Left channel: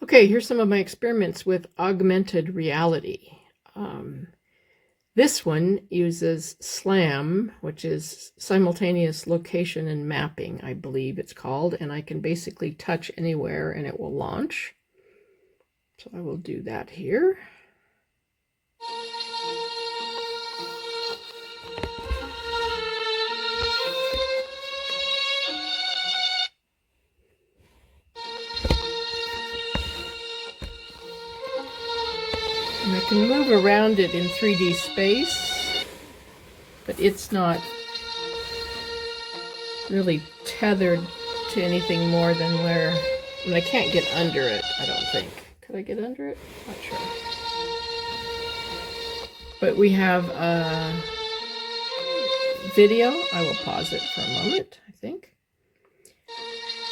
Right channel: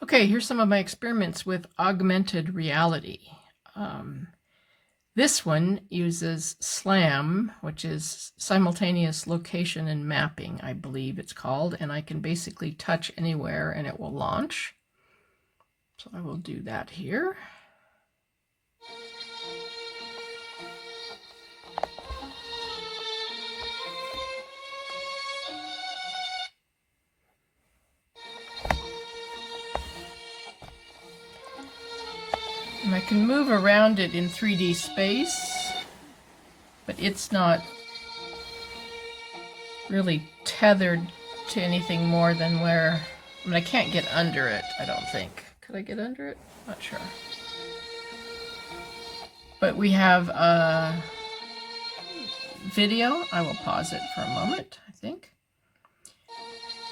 Okay, here's some of my experiments with augmented reality. This one uses SLAM, which is Simultaneous Location and Mapping, I believe it's called, and I can basically touch anywhere and it will launch. So I will do that here. And I can move around it in 3D space, but it's not really tethered to anything more than where, I mean, I can't get under it, I don't think. Could I get under it? Not sure. But we have a video. I will pause it for a moment, I think.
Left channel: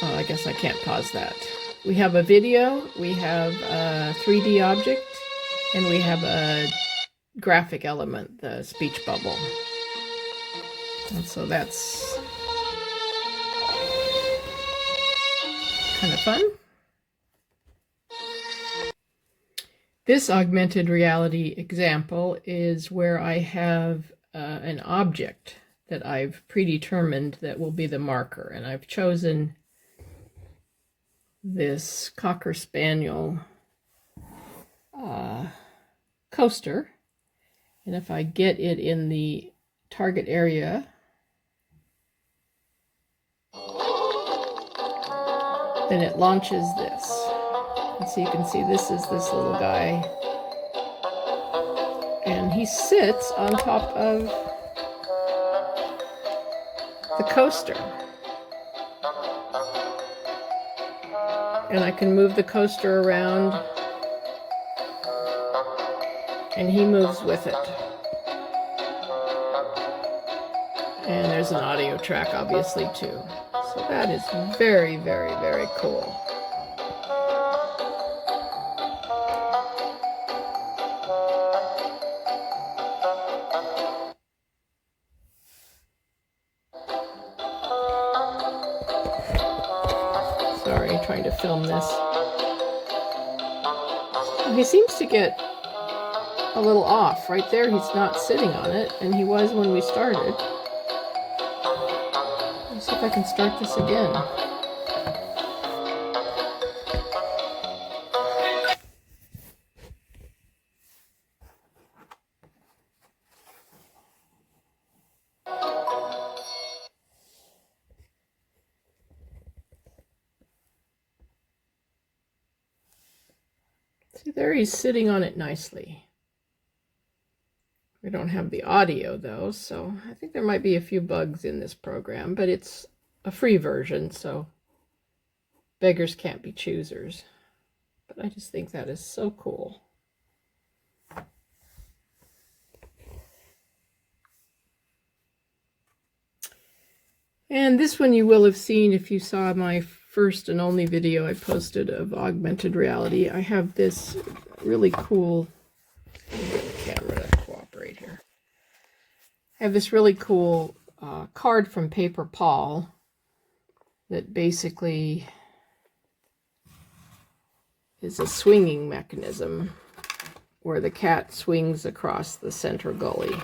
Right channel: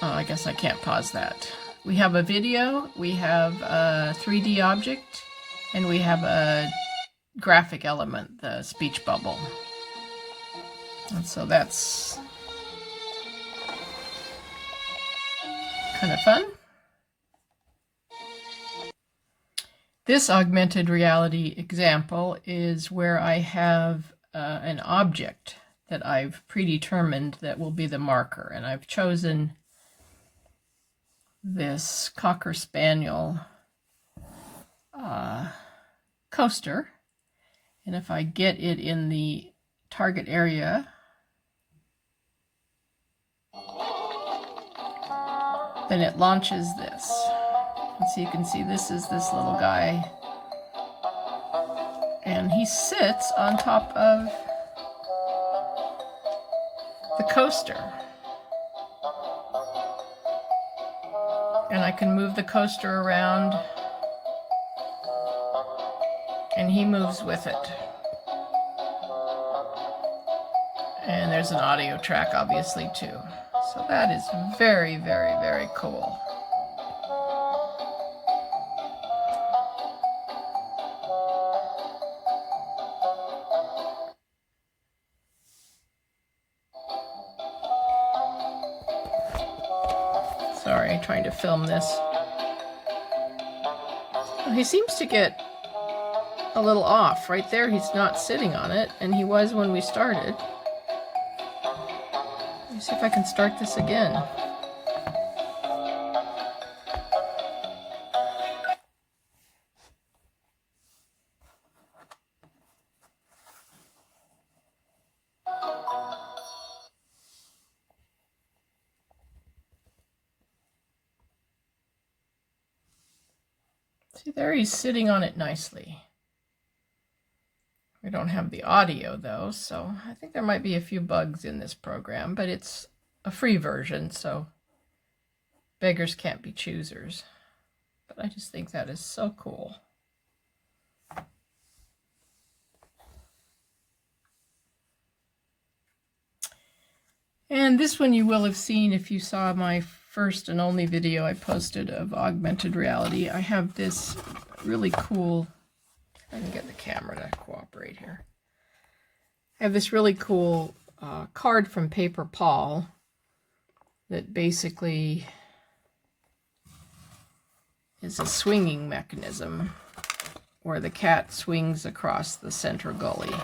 Oh, I guess I can't pause that. We have a video, we have a 3D object, and we have a graphic element, the speech bubble. And so that's kind of fun. This augmented reality example is where I have an object that I've predetermined that will be the marker, and I've chosen this Cocker Spaniel coaster, and if I get it in the target area, then it launches this. And so you can see this is this little guy, and he sits on top of the coaster. And I can move the coaster around, and he moves with it. And there's an audio track, obviously, too. So that is very, very, very cool. Sorry, trying to film this. Well, he seems to get a little off. Right there, he's not sitting on it, and he was when we started. Let's see if I can start this again. See, there he's sitting on it nicely. We don't have the audio though, so I think there might be a few bugs in this program, but it's a free version, so beggars can't be choosers. But I just think that is so cool. And this one you will have seen if you saw my first and only video I posted of augmented reality. I have this really cool, let me get the camera to cooperate here. I have this really cool card from Paper Paul that basically is a swinging mechanism where the cat swings across the center gully.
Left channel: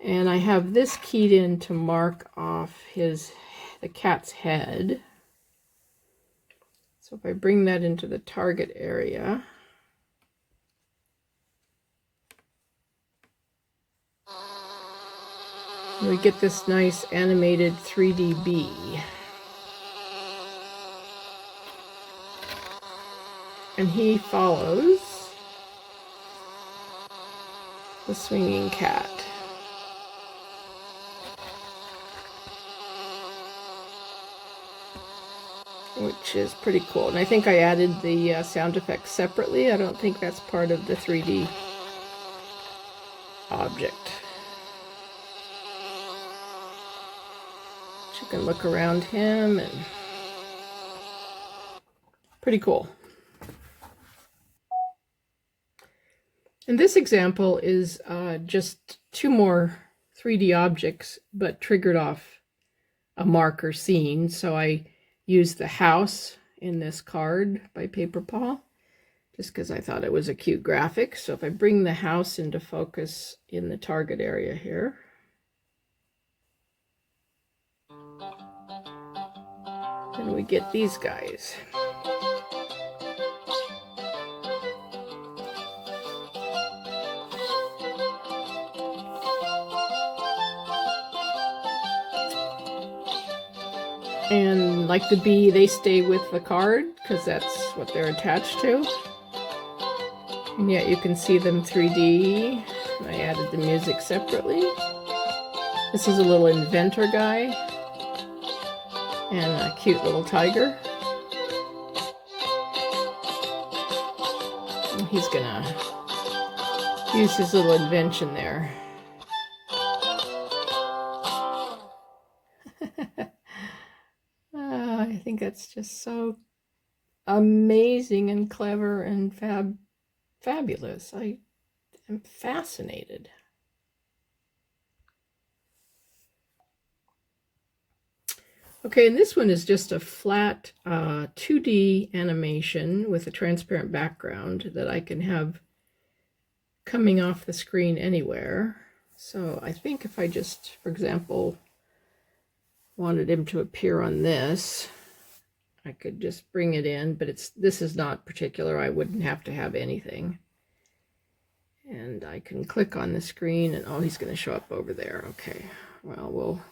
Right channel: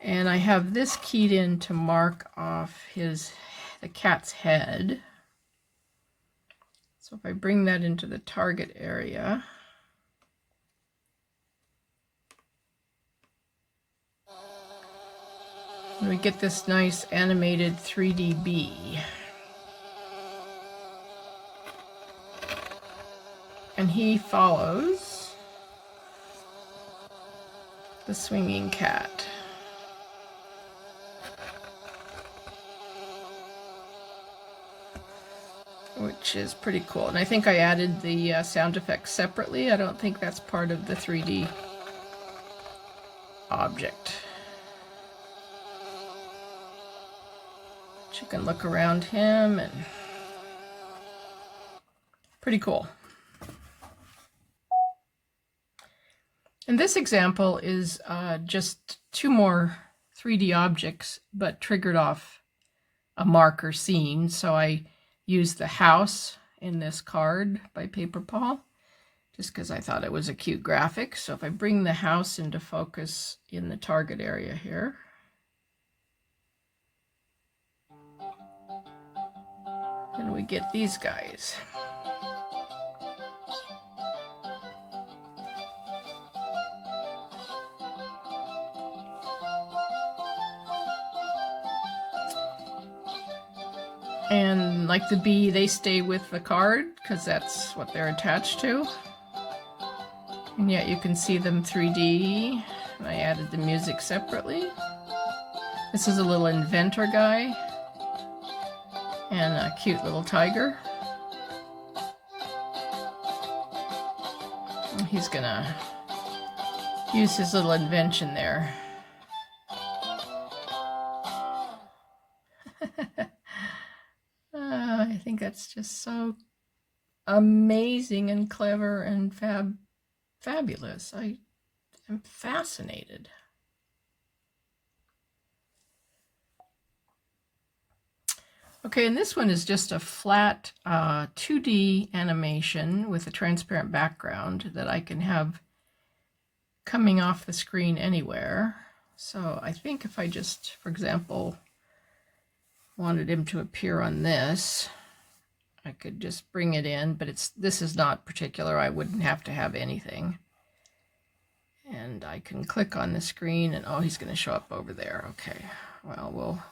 And I have this keyed in to mark off the cat's head. So if I bring that into the target area, we get this nice animated 3D bee. And he follows the swinging cat. Which is pretty cool. And I think I added the sound effects separately. I don't think that's part of the 3D object. You can look around him, and pretty cool. And this example is just two more 3D objects, but triggered off a marker scene. So I used the house in this card by Paper Paw, just because I thought it was a cute graphic. So if I bring the house into focus in the target area here, then we get these guys. And like the bee, they stay with the card because that's what they're attached to. And yet you can see them 3D. I added the music separately. This is a little inventor guy and a cute little tiger. And he's gonna use his little invention there. I think that's just so amazing and clever and fabulous. I am fascinated. Okay, and this one is just a flat 2D animation with a transparent background that I can have coming off the screen anywhere. So I think if I just, for example, wanted him to appear on this, I could just bring it in, but this is not particular. I wouldn't have to have anything. And I can click on the screen and, oh, he's going to show up over there. Okay, well, we'll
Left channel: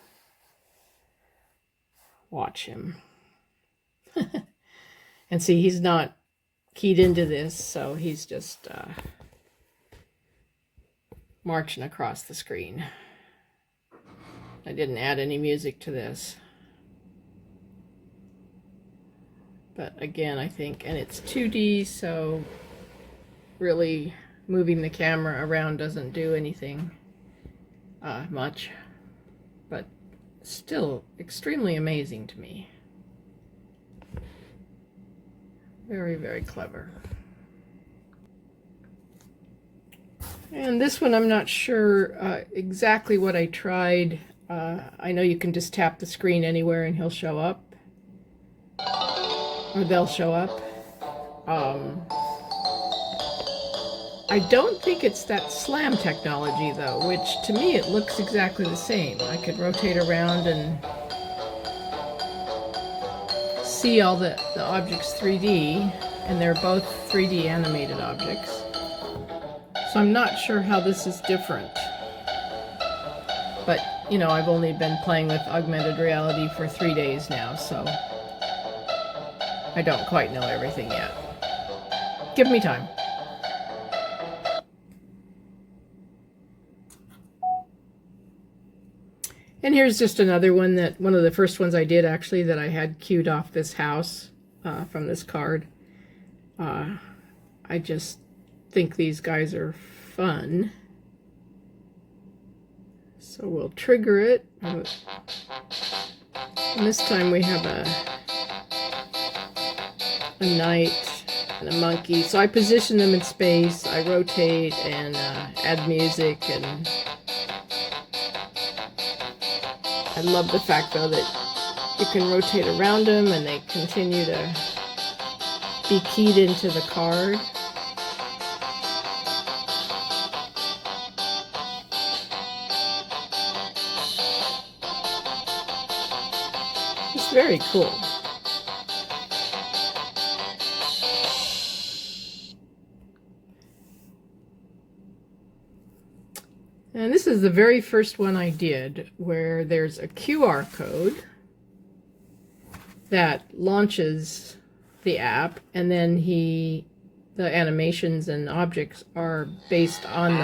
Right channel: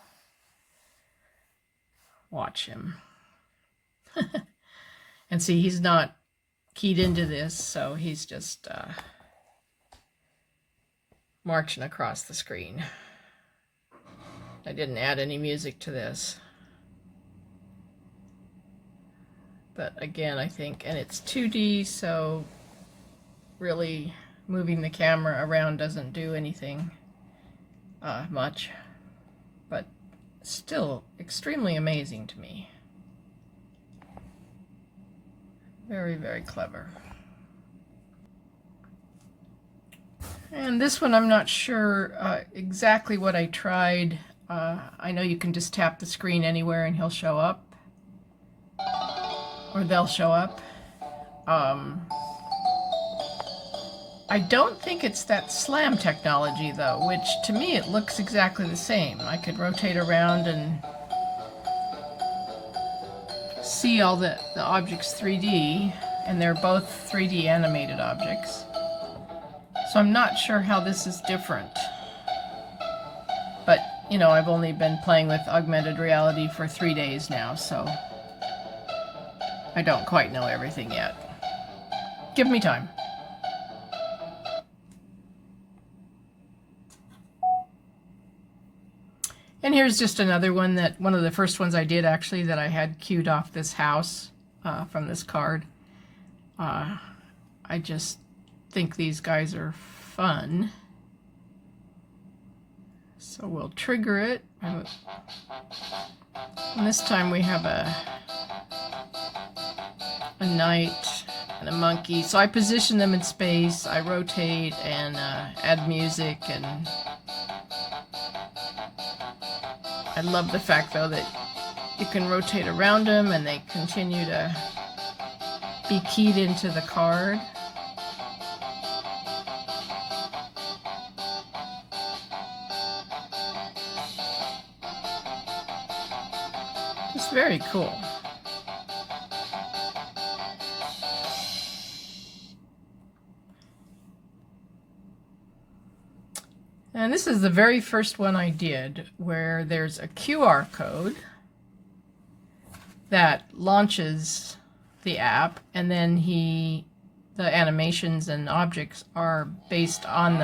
watch him. And see, he's not keyed into this, so he's just marching across the screen. I didn't add any music to this. But again, I think, and it's 2D, so really moving the camera around doesn't do anything much. But still extremely amazing to me. Very, very clever. And this one, I'm not sure exactly what I tried. I know you can just tap the screen anywhere and he'll show up. Or they'll show up. I don't think it's that slam technology though, which to me it looks exactly the same. I could rotate around and see all the objects 3D, and they're both 3D animated objects. So I'm not sure how this is different. But, you know, I've only been playing with augmented reality for 3 days now, so I don't quite know everything yet. Give me time. And here's just another one one of the first ones I did actually that I had queued off this house from this card. I just think these guys are fun. So we'll trigger it. And this time we have a knight and a monkey. So I position them in space, I rotate and add music, and I love the fact though that you can rotate around them and they continue to be keyed into the card. It's very cool. And this is the very first one I did, where there's a QR code that launches the app, and then the animations and objects are based on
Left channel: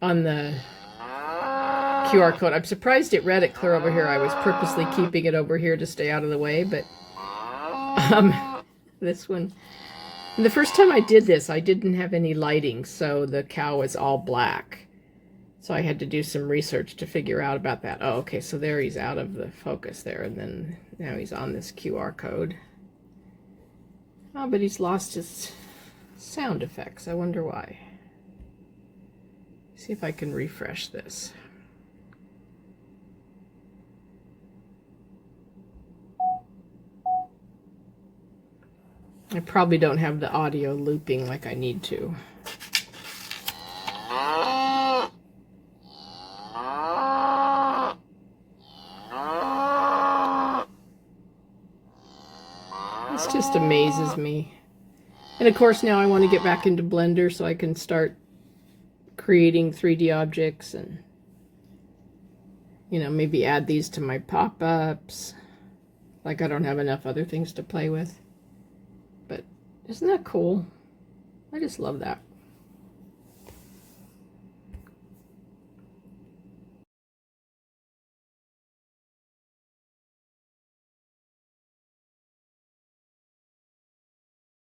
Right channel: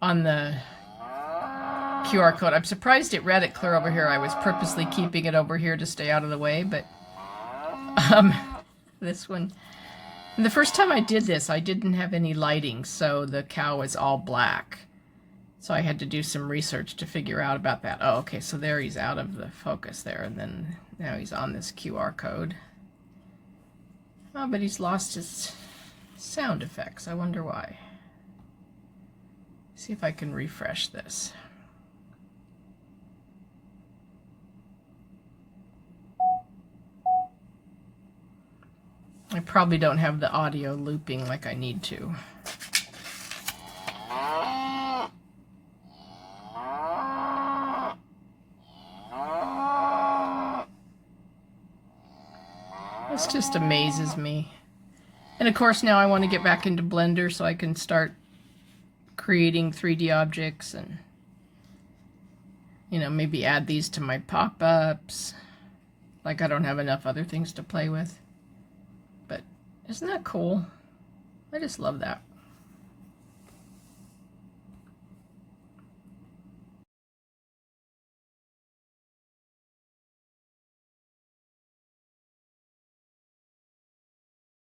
the QR code. I'm surprised it read it clear over here. I was purposely keeping it over here to stay out of the way, but this one, and the first time I did this, I didn't have any lighting, so the cow was all black. So I had to do some research to figure out about that. Oh, okay, so there he's out of the focus there, and then now he's on this QR code. Oh, but he's lost his sound effects. I wonder why. See if I can refresh this. I probably don't have the audio looping like I need to. This just amazes me. And of course now I want to get back into Blender so I can start creating 3D objects and, you know, maybe add these to my pop-ups. Like I don't have enough other things to play with. But isn't that cool? I just love that.